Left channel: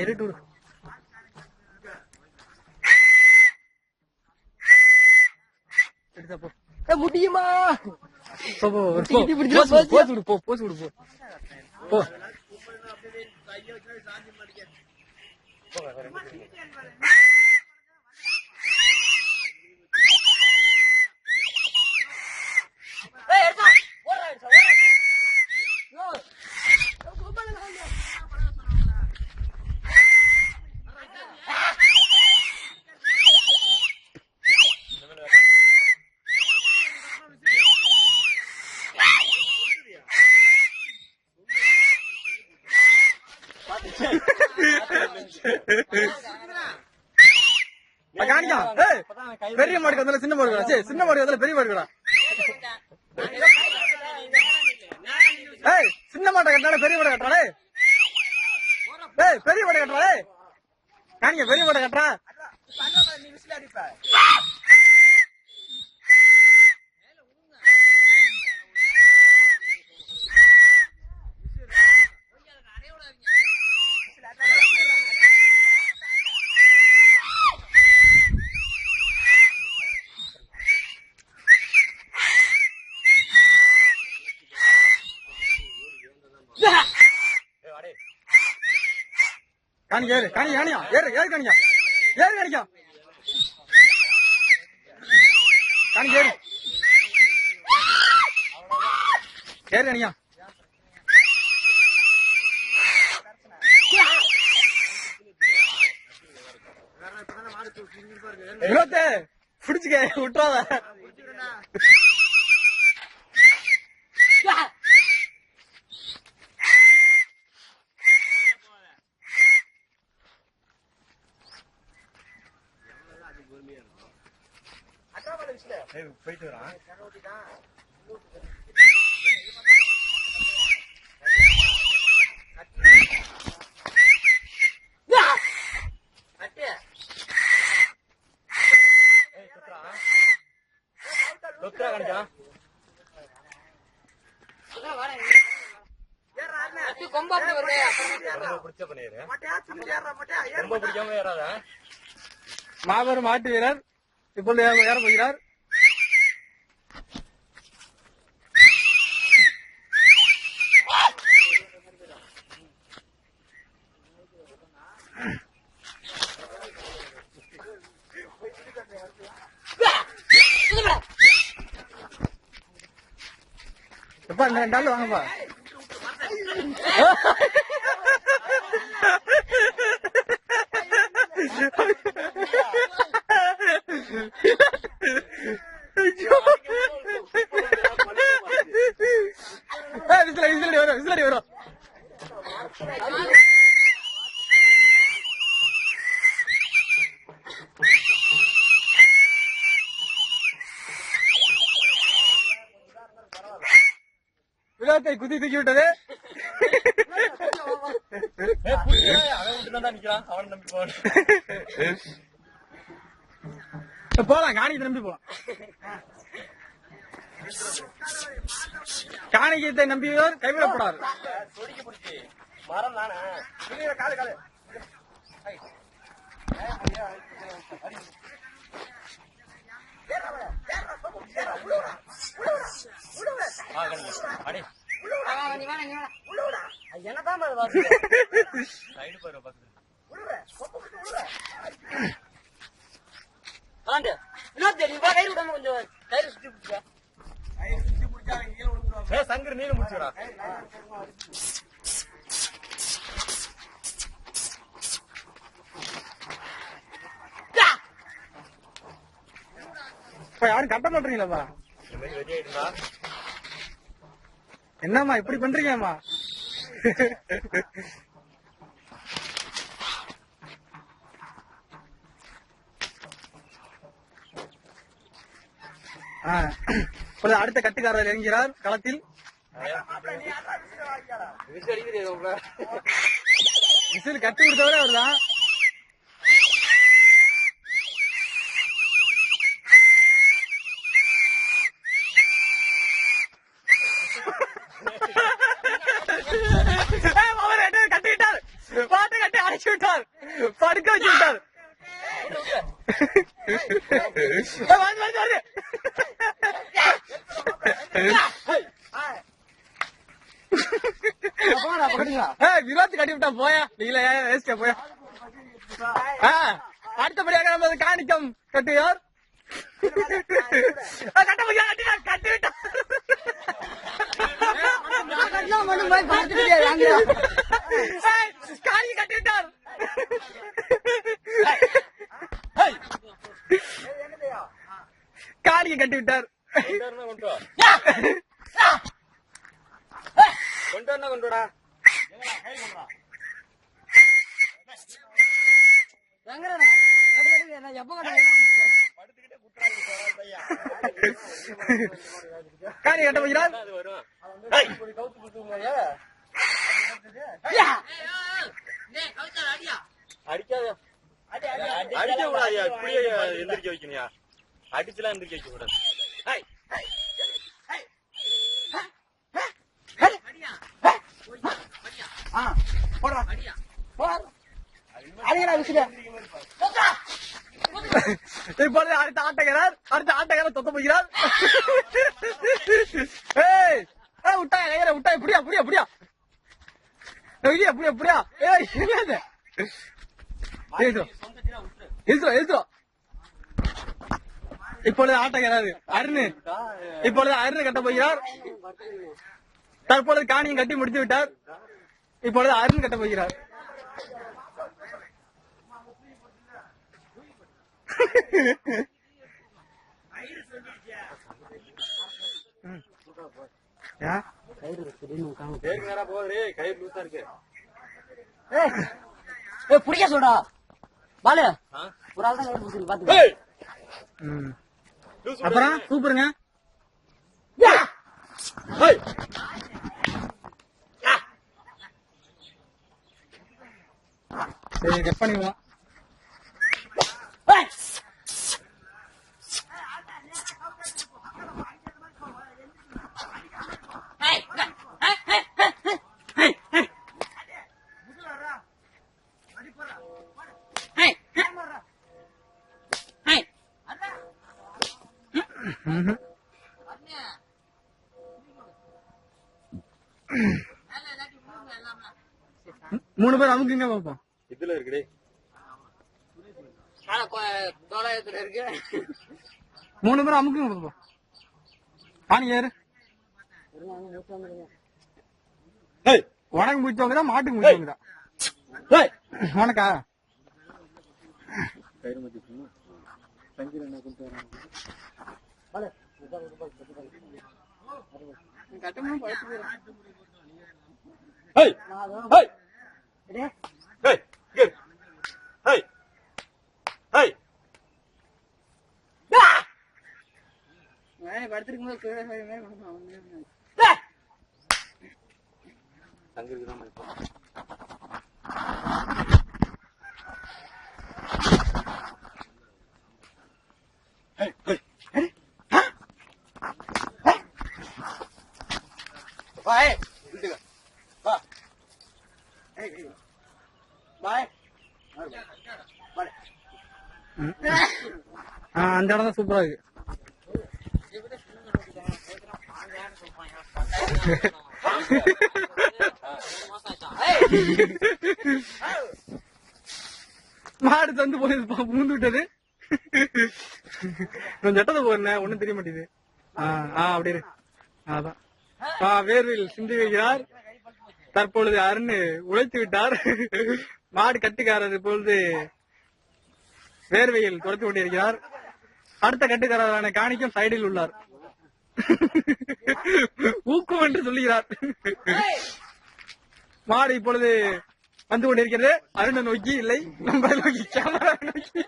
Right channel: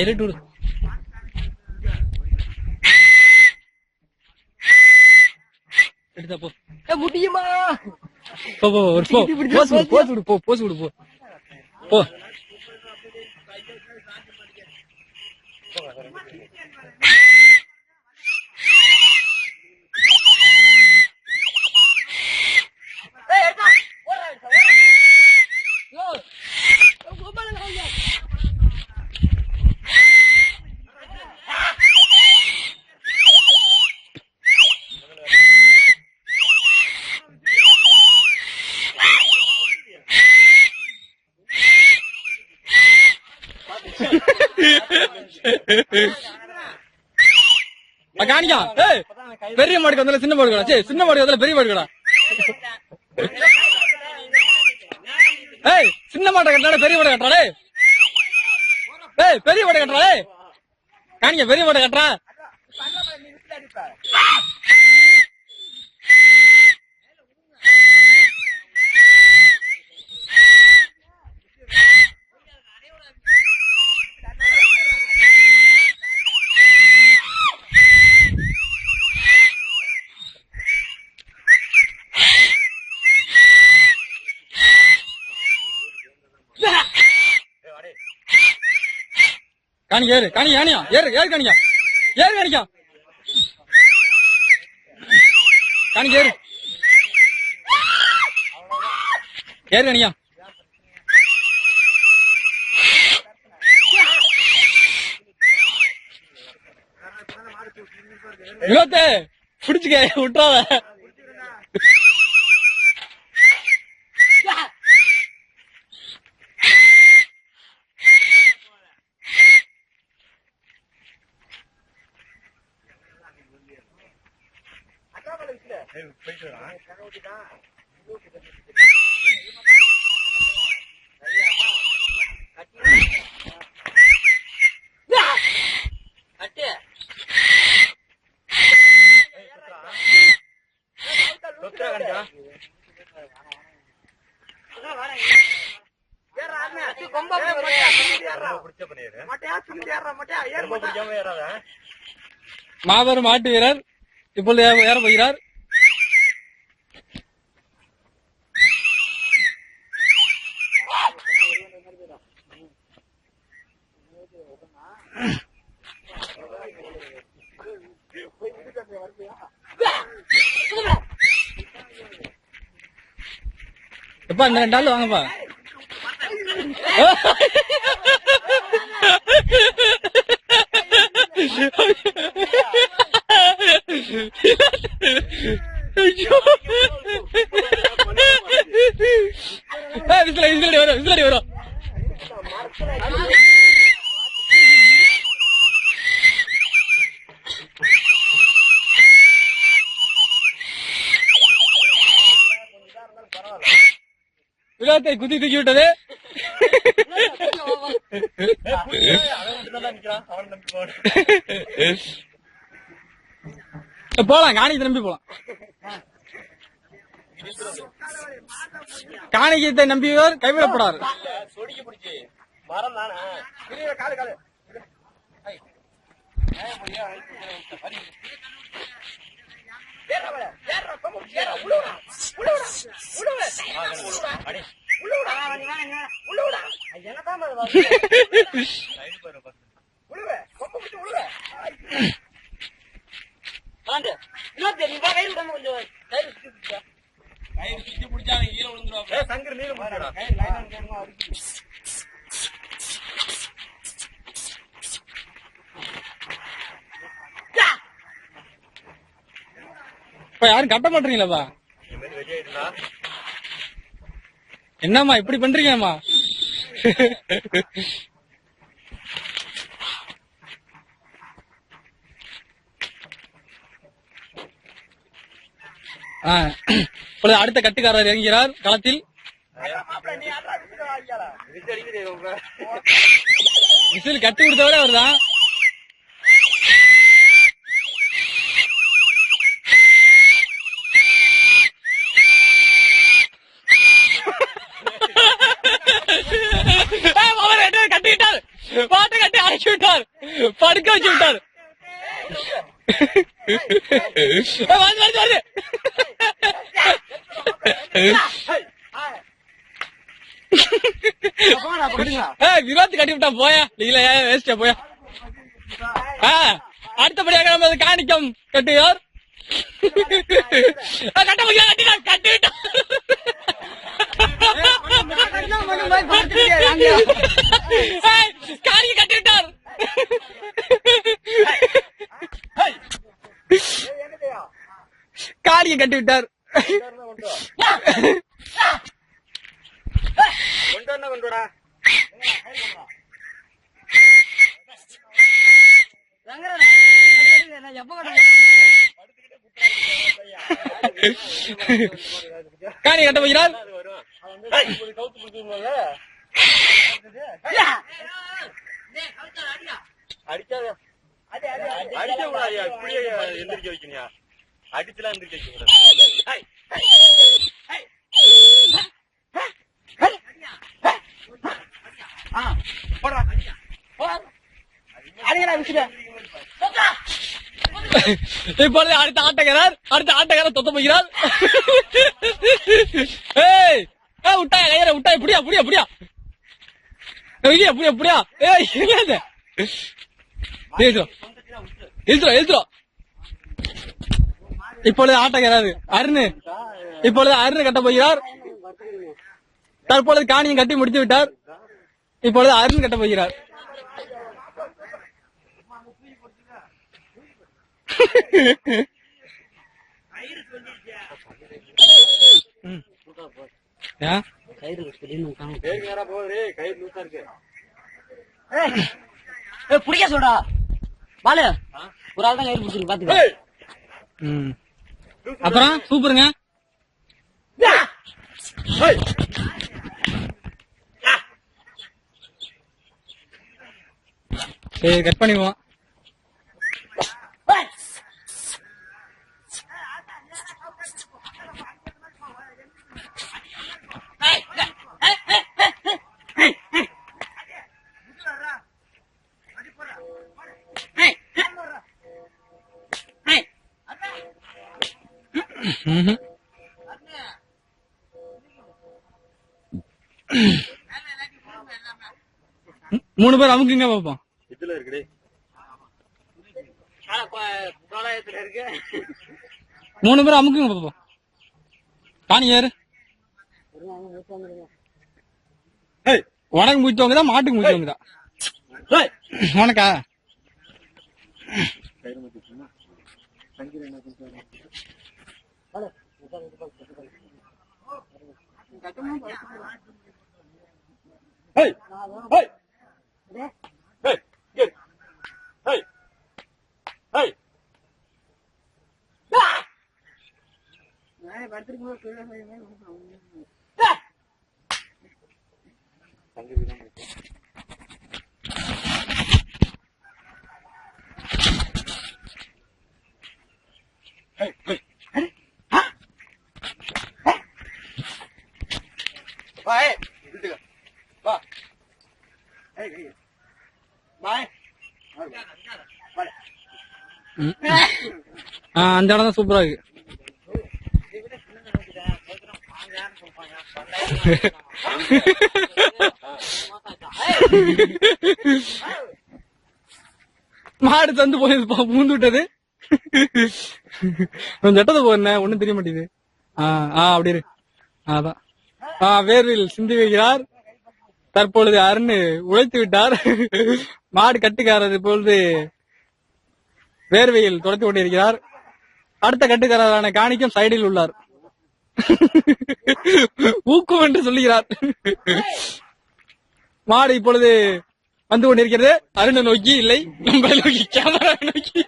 இருட்டு எடுத்தா போ முடியுமா? போஸ் விடு போ. காணிக்கா பெரிய மாடுக்கு வந்தால சின்ன மாடு கடா. சின்ன மாடு வந்தால பெரிய மாடு கடா. சின்ன மாட்டை கட்டாடே பெரிய மாடை கட்டாடே. பெரிய மாடை கட்டுறாடே. காணிக்க பெரிய மாடை கட்டுறா. காணிக்க ஏறு காணியா ஏறு காணிக்கா காணிக்க ஏறு காணியா வினோத்தே பிடிச்சுக்க விட்டுறாத. மாபெரும் மாட்டு வீரர் இப்பொழுது ஏற போகிறார். எப்பா இந்த 2 ஆள் வாங்கப்பா. விசிலடி வரும். விழாத்தை குத்தி தூக்கி விட்டது. போலாம் காணிக்கு நம்பி போலாம். காணிக்கத்தை நம்பியவர் கைவிடப்படாது. யாரும் கட்ட மாட்டீங்களாப்பா? என்னம்மா இப்படி பண்றீங்கம்மா? அடுத்த கட்டுக்காரர் இறங்குகிறார் களத்தில். விசில் கட்டு கொடுத்தவரே அவர்தான். கட்டிவிட்டார், பாட்டை கட்டி அடைச்சி விட்டார், படுக்க வச்சு விட்டார். விரோத்து கட்டி விட்டா போயா இல்ல வேஸ்டா போயா. அடுத்தபடியாக நம்ம காணிக்கம் கட்டுவார். கட்ட முடியாது, கட்டினார், கட்டி விட்டார். காணிக்க கட்டி விட்டார். காணிக்க கட்டி விட்டார். கொண்டுடா காணி கட்ட போகிறார். எந்திரிக்க வைக்கணியா, அடிச்சுலாம் எந்திரிக்க வைக்க கூடாது. இப்பொழுது அடுத்த ஆட்டக்காரர் தொத்த போகிறார். விட்டாயா கையற விட்டாய், புடியா புடியா புடியா புடியா புடியா புடியா. எழுத்துறோம். இப்பொழுது ஆட்டக்காரர் அருண், இப்பொழுது அருண் கட்ட போகிறார். தற்பொழுது காணியும் கட்டி முடித்து விட்டார். இப்பொழுது அருண் கட்ட போகிறார். புடிக்க சொல்றா பாலு, ஒரு ஆள் தான் கயிறு பிடிச்சிருக்கு பாத்துக்க. அப்புறம் சூப்பருங்க. சரி கட் பண்ணிடுவோம். மூணு பேர் அமுக்குங்க பாப்போம். இதுல இருக்குடே, இருக்கு. மூணு பேர் அமுக்குங்க பாப்போம். காணி ஏறு. உனக்கு முடிச்சவங்க தான், மாட்டுக்கு முடிச்சவங்க தான். உனக்கா அந்த இடம் தான் சூப்பரா இருக்கு. மாடு தந்து போய் பூந்து விட்டது. சட்டத்தை போறேன், ஒண்ணும் தெரிய மாட்டேங்குது. அப்படி இரு. அதான் வேர்வில் சிந்தி வைக்கிறார். தற்பொழுது அருண் உழைத்து விட்டார். மாடு கட்டுக்காரர் இப்பொழுது வேர்வையில் துடைத்து கொண்டிருக்கிறார். அடுத்த கட்டுக்காரரான காணிக்கம் சைடில் உள்ளார். ஊக்கம் என்று சொல்லுகிறார். மாடு இப்பொழுது வந்து கொண்டிருக்கிறது. அருணை நோக்கி இல்லை, நம்ம நோக்கி, கேமரா நோக்கி.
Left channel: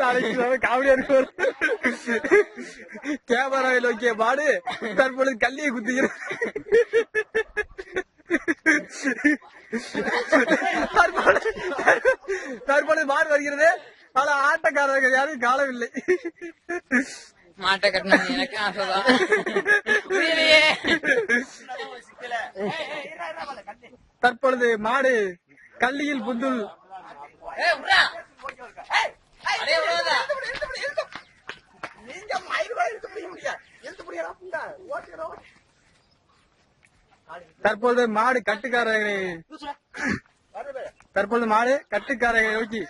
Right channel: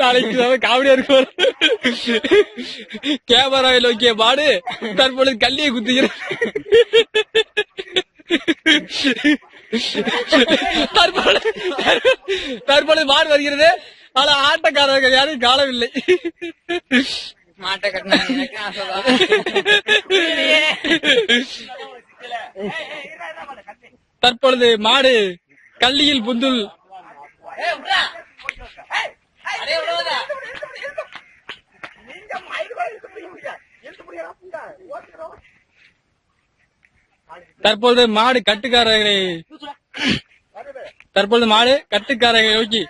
நாளைக்கு காமெடியா இருக்கும். கேமராவில் நோக்கிய மாடு தற்பொழுது கல்லியை குத்துகிறது. தற்பொழுது மாடு வருகிறது. ஆனா ஆட்டக்காரர்கள் யாரும் காணவில்லை. மாட்டை கட்டினா எனக்கு ஆசைதான். தற்பொழுது மாடு கல்லியில் புந்துள். தற்பொழுது மாடு கட்டுக்காரர்களை நோக்கி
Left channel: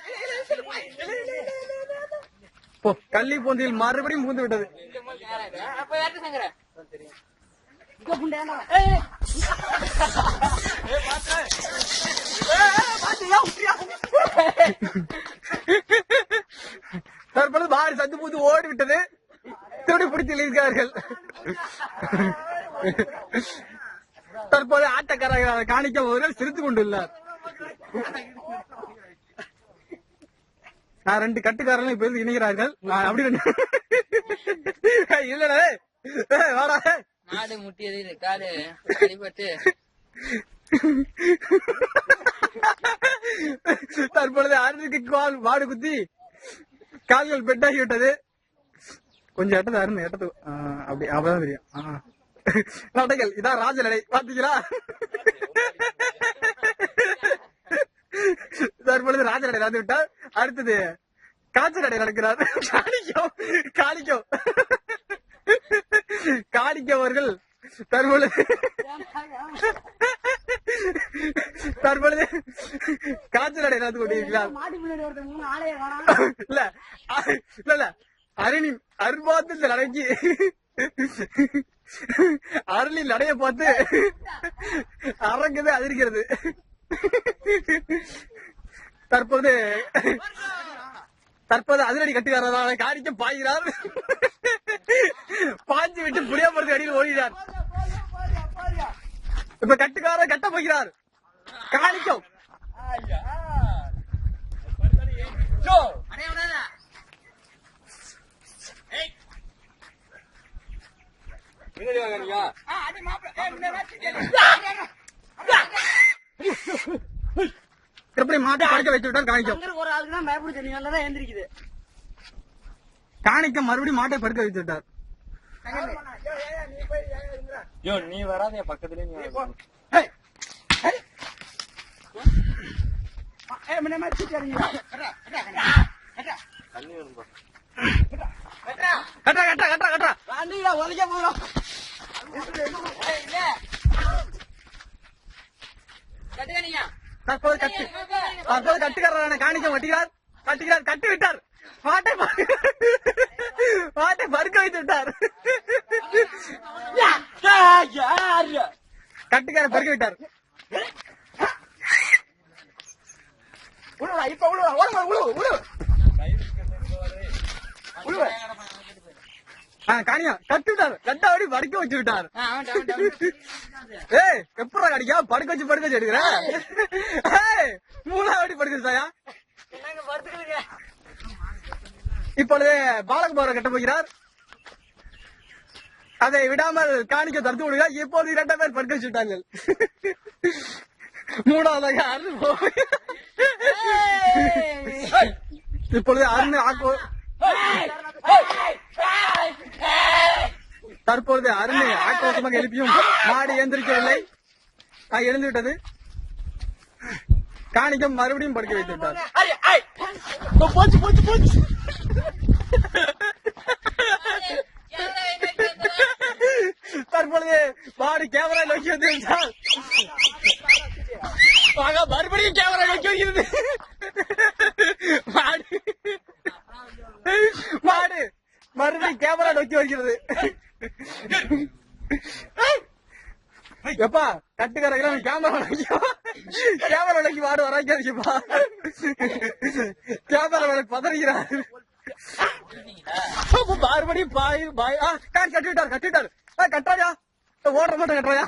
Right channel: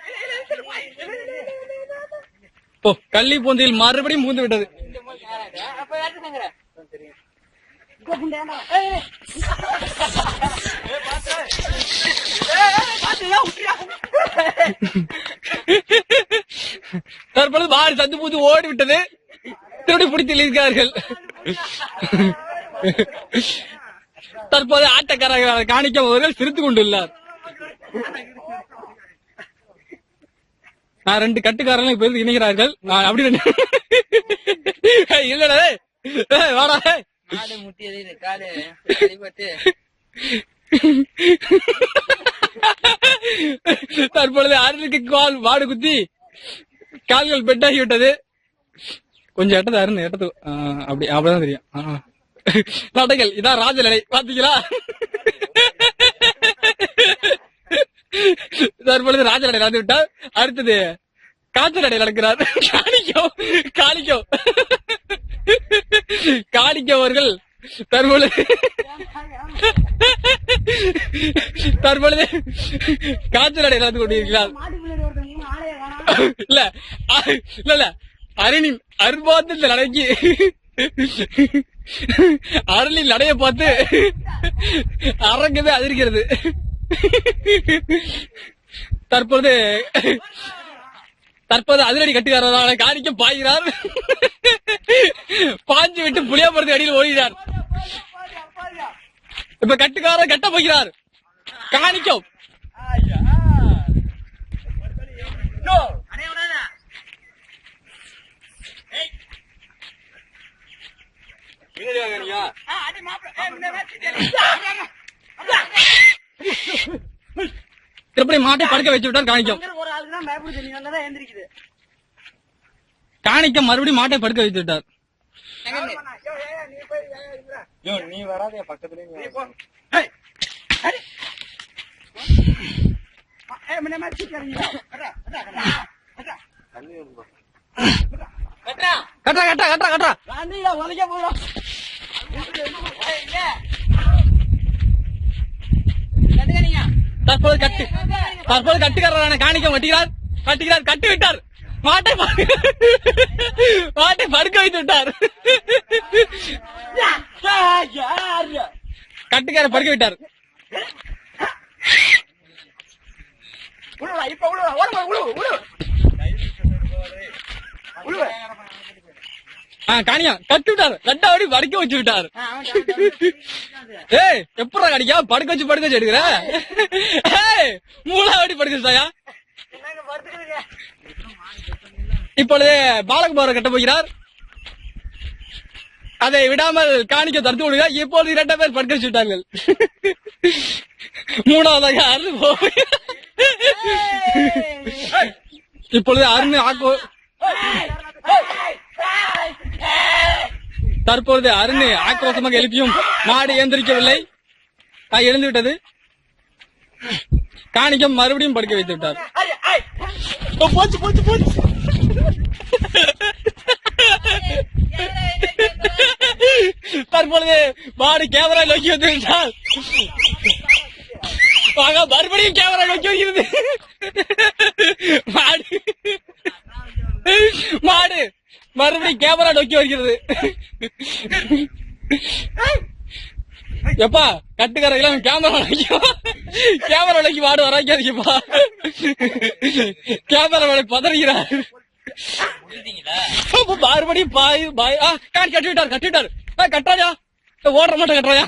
கள்ளி பூந்தில் மறுபடியும் பூந்து விட்டது. தற்பொழுது மாடு சந்து பூந்து ஓடி விட்டது. திருடி பிடித்து இருக்கிறார்கள். தற்போது ஆட்டக்காரர்கள் காணிக்க அவர்கள் சிரித்துக் கொண்டுள்ளார். நான் 2 கட்டுக்காரர்கள் இப்ப இணைகிறார்கள். நான் அப்படி இல்லடா வாடா. மாடு முட்டியது இது காடு அடிபட்டு. தற்பொழுது அருணுக்கு மாடு குத்தி கால்கள் பெட்டாகி விட்டது. கொஞ்சம் எட்டது அருண் எட்டது அப்படிதான் தெரியும். நடைகள் இதான் ராஜ நடை பாத்தீங்களா? தற்பொழுது ராஜ நடை நடந்து விட்டார். அடுத்தது காய்ச்சல் நடை நடக்கிறார். காணிக்க அவர்கள் தற்பொழுது காய்ச்சல் நடை நடந்து கொண்டிருக்கிறார். இல்ல அருணின் அரும்பாத்தில் நடைக்கு அருளின் நடைய பார்த்து அரங்கவே அதிர்கிறது. தற்போது அதிரடி கட்டுகிறார். காணிக்க பாய்கிறார். பாஞ்சு விட்டு புளியாமரத்து அடியில் ஓடுகிறார். இப்ப கட்டுக்காரர் கட்ட போகிறார். காணிக்கும் எப்படி மாட்டை படுக்க வச்சு விட்டார். காணிக்கம் மறுபடியும் மாட்டை படுக்க வச்சு விட்டார். நீ வராதே பக்கத்துல. தற்போது கட்டுக்காரரான காணிக்கம் கட்டுகிறார். கட்டி விட்டார். மாட்டை படுக்க வைத்து விட்டார். கட்டுக்கார படுக்க விட்டார். காணியா கட்டி விட்டார். கட்டாவடி படுக்க வச்சு விட்டார். ஏய் எப்படா காணிக்கா படுக்க வச்சு எடுக்கிற? மூளாவடி படுக்க வச்சாயா? இப்பொழுது பாலகுமார கட்ட போகிறார். அதை விடாமல் காணிக்க தடுத்து விடுகிறார். இப்பொழுது 2 பேர் படுக்க வச்சு விட்டார்கள். மூணாவதாக அருண் இப்பொழுது அருண் தற்பொழுது அருண் ஆக்ரோஷமாக எழுப்பியும் மாடு எந்திரிக்கவில்லை. எழுந்து விட்டது. காணிக்கம் மறுபடியும் படுக்க வைத்து விட்டார். தற்பொழுது மாடு கேமரா நோக்கி வந்து விட்டால் மறுபடியும் கேமரா நோக்கி வருகிறது. மாடு மறுபடியும் கேமரா நோக்கி வருகிறது. எப்பா கட்டுக்காரங்க கேமரா நோக்கி மாடு வராங்கப்பா. கேமரா பதறுகிறார். மறுபடியும் கட்டி விட்டார். கட்டாயா ஓடுற மாட்டோம் கட்டுறாயா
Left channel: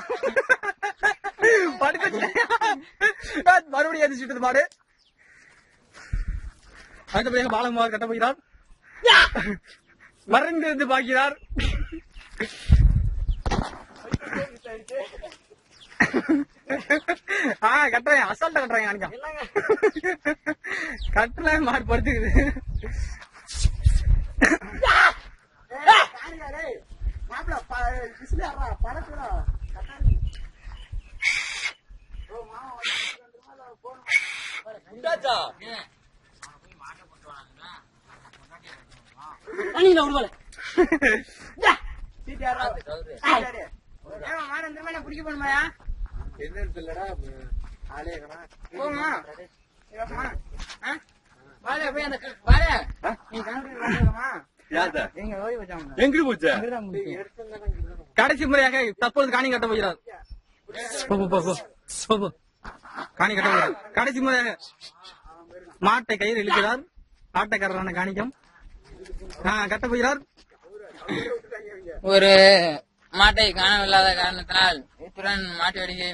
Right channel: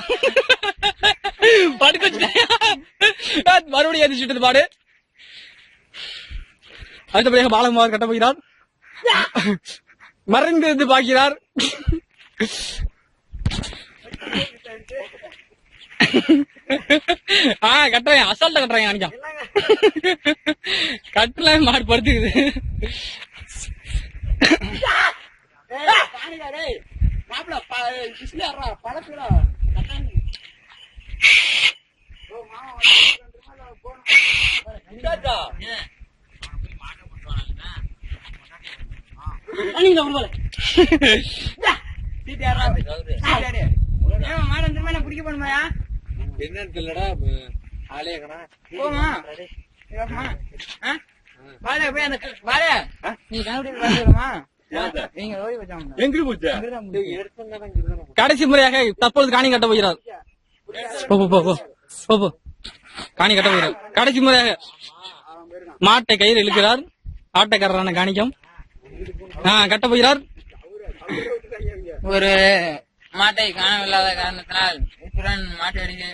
படுக்க வச்சுட்டாயா? மறுபடியும் எதிர்ச்சிட்டது மாடு. அடுத்தபடியாக பாலகுமார் கட்ட போகிறார். மறைந்திருந்து பார்க்கிறார். கட்டுறேன், அசால்ட்டா கட்டுறேன் நினைக்கான். கட்டல மாடு படுத்துக்குது. என்னன்னு இல்லடா ஆளே கணா போமா வாடா போய் அந்த வாடா நீ கண்டுபிடி வாடா நீங்க ஓடி வச்சாங்க எங்க போச்சு கடைசி முறையாக தற்பொழுது காணி கட்ட போகிறார். போ போ போ போ போ காணி கட்ட போகிறார். கடைசி முறையாக மாட்டை கயிறு இழுக்கிறார். ஆட்டக்காரரான காணிக்கம் கட்ட போகிறார். ஒரு மாட்டை காணவில்லாத காரணத்தினால் இத்துடன் மாட்டு அடிக்கை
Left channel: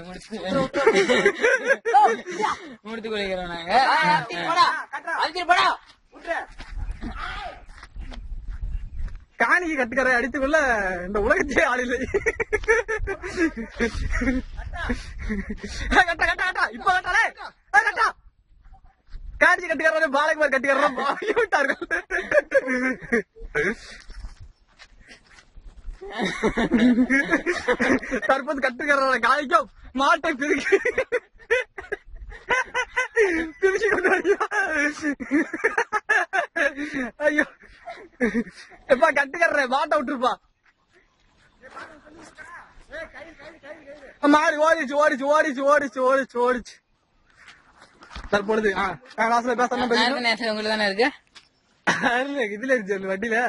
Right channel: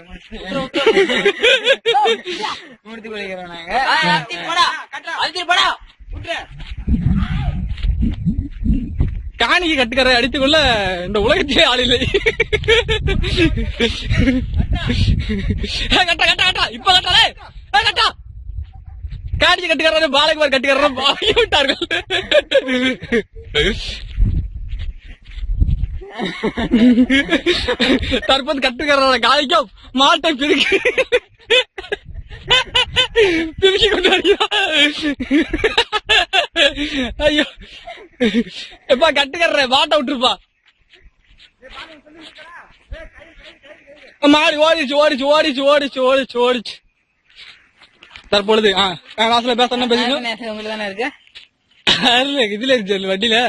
முடித்துக் கொள்கிறோம் நாங்க. காணிக்கு கட்டுக்கரை அடித்துக் கொள்ள இந்த உலகத்திலே ஆள் இல்லை. கட்ட கட்ட கட்டா இப்ப கட்டாலே கட்டா காணிக்கு கட்டுக்கற பாலகுமார் கட்டுக்கற ஆகி விட்டார்கள். தற்போது கட்டுக்கற காணிக்கும் மாட்டை பிரிக்கி கொண்டு வருகிறார். ஐயோ எப்பா கட்டுக்கற மாட்டை விட்டுருப்பா. மாடி ஓடிச்சு ஓடிச்சு ஓடிச்சு ஓடிச்சு ஓடிச்சு ஓடிச்சு. தற்பொழுது வாசல பேசணும் உங்களுக்கு தானே இருக்கு இதுல இருக்கு வண்டியில